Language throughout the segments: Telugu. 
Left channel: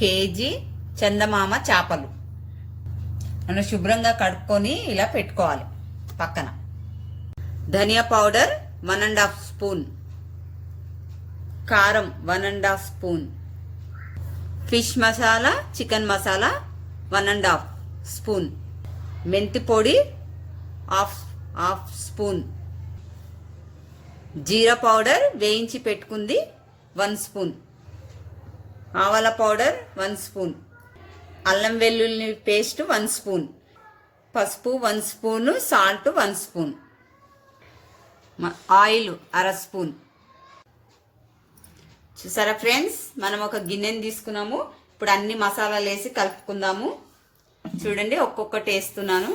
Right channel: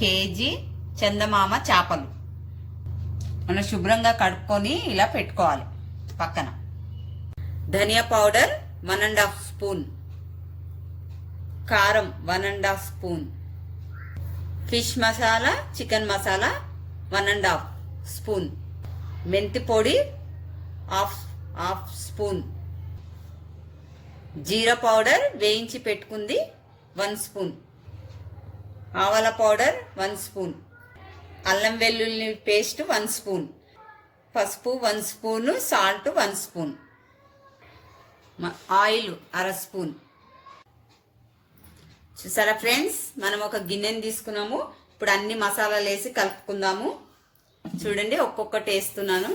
కేజీ చందమామ చేపలు మనం శుభ్రంగా కడుక్కొని ఇలా పెట్టుకోవాలి పక్కన. ధనియా పౌడర్ 1½ స్పూన్, కారం 1½ spoon, fish masala chicken masala 1½ spoon, మెంతి పొడి హాఫ్ స్పూన్, జీరా పౌడర్ వేయించి పెట్టుకుంది 1 స్పూన్, ఆవాల పౌడర్ 1 స్పూన్, అల్లం వెల్లుల్లి పేస్ట్ 1 స్పూన్, పసుపు 1 spoon, salt 1 spoon, oil 1/2 spoon. చూసారా ఫ్రెండ్స్, మనం ఒక గిన్నెని తీసుకున్నాము. ఇప్పుడు అన్ని మసాలాలు వేసి కలుపుకుందాము. చూడండి, ఒక్కొక్కటి వేస్తున్నాను.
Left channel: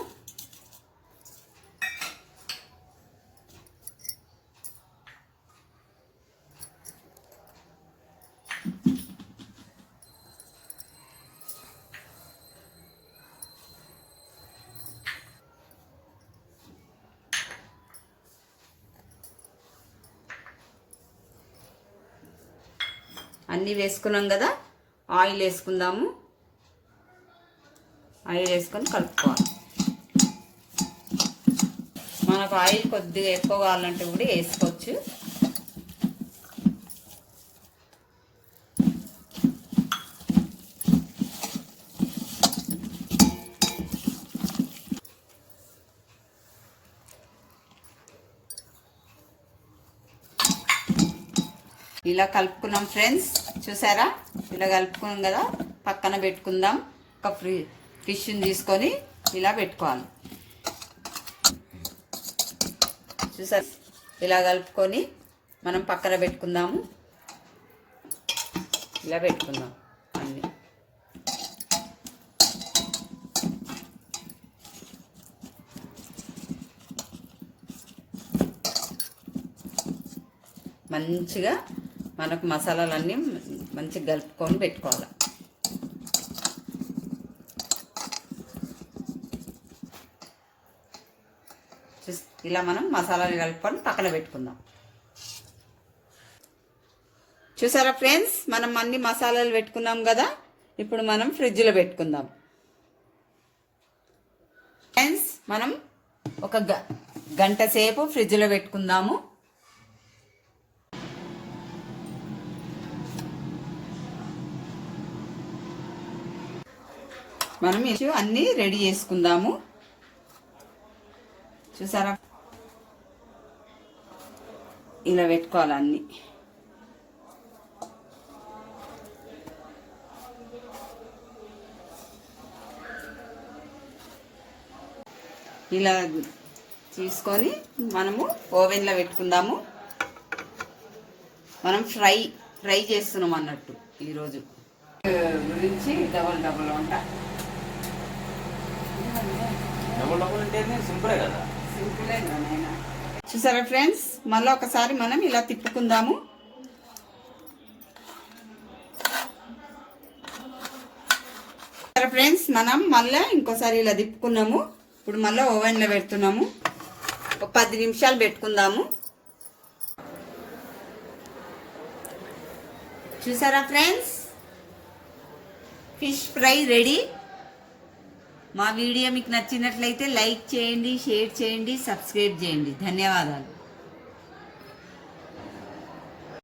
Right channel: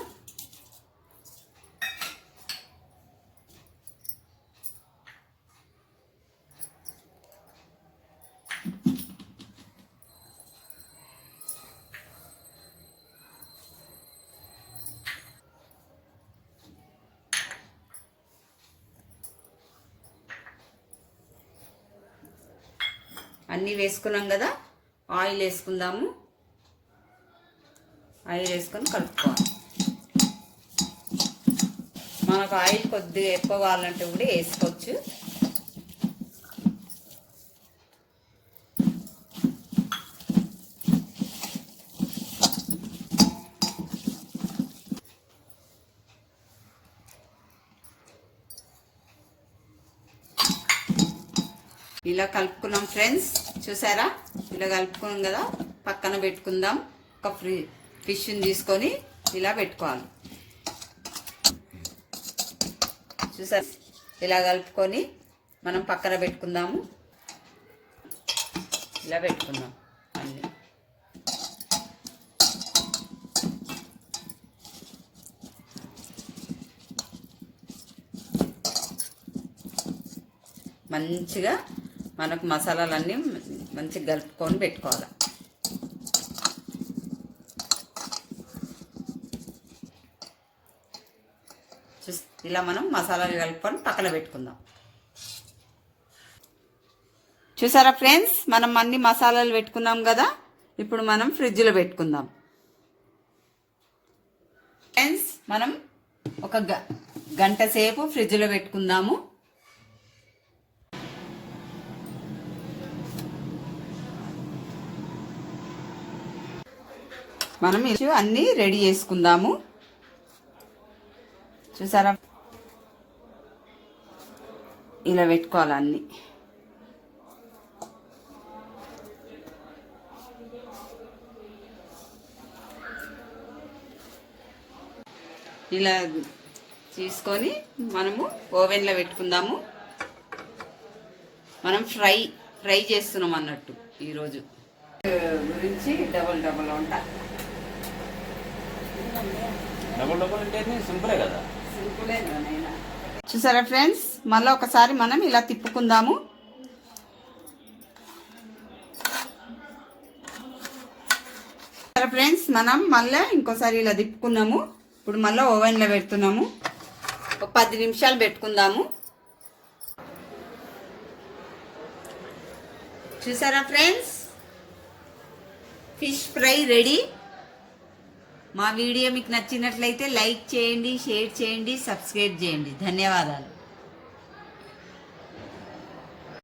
అన్నీ వేసుకున్నాం కదా, ఆయిల్ వేసుకుందాము. ఆయిల్ వేసుకొని కలుపుకోవాలి. మనకు ఆయిల్ కొద్దిగా ఎక్కువ కావాలంటే కూడా వేసుకోవచ్చు. ఇలా కలుపుకున్నాం ఫ్రెండ్స్, చూసారా? ఇలా కలుపుకున్నాం కదా, పక్కన పెట్టుకుందాం. ఒక ఫిష్ని తీసుకొని ఇలా పెట్టుకోవాలి. చూసారా? ఇలా కలుపుకొని మనం పక్కన పెట్టుకుందాము. ఇలా పెట్టుకుందాం అన్నీ. మంచిగా మనకు మసాలాలన్నీ మంచిగా కలుపుకొని పెట్టుకోవాలి. ఇలా మనం మసాలాలు కలుపుకొని పక్కన పెట్టుకుందాం. చూసారా ఫ్రెండ్స్, మనం అన్ని మసాలాలు పెట్టుకున్నాం కదా, ఇప్పుడు మనం ఫ్రిడ్జ్లో పెట్టుకుందాం. ఫ్రెండ్స్, మనం ఒక గంట సేపు ఫ్రిడ్జ్లో పెట్టుకుందాము. మనం అన్నీ రెడీ చేసుకుందాము. చూసారా? ఇలా పెట్టుకోవాలి అన్నీ. ఇలా తీసుకొని మనము ఓవెన్లో పెట్టుకుందాము. మనం ఫ్రై చేస్తున్నాం అన్నట్టు ఈరోజు గురించి డబల్ వంట. చూసారా ఫ్రెండ్స్, మళ్ళీ ఒకసారి మనం ఇలా తిప్పుకుందాము. ఫ్రెండ్స్, మనం మళ్ళీ ఇంకోసారి ఇలా తిప్పుకున్నాము. ఇప్పుడు మళ్ళీ ఓవెన్లో పెడుతున్నాము. ఒక 10 నిమిషాలు పెట్టుకుందాము. చూసారా ఫ్రెండ్స్, ఫిష్ ఫ్రై రెడీ. మా వీడియో మీకు నచ్చినట్లయితే లైక్ చేయండి, షేర్ చేయండి, సబ్స్క్రైబ్ చేయండి. ధన్యవాదాలు.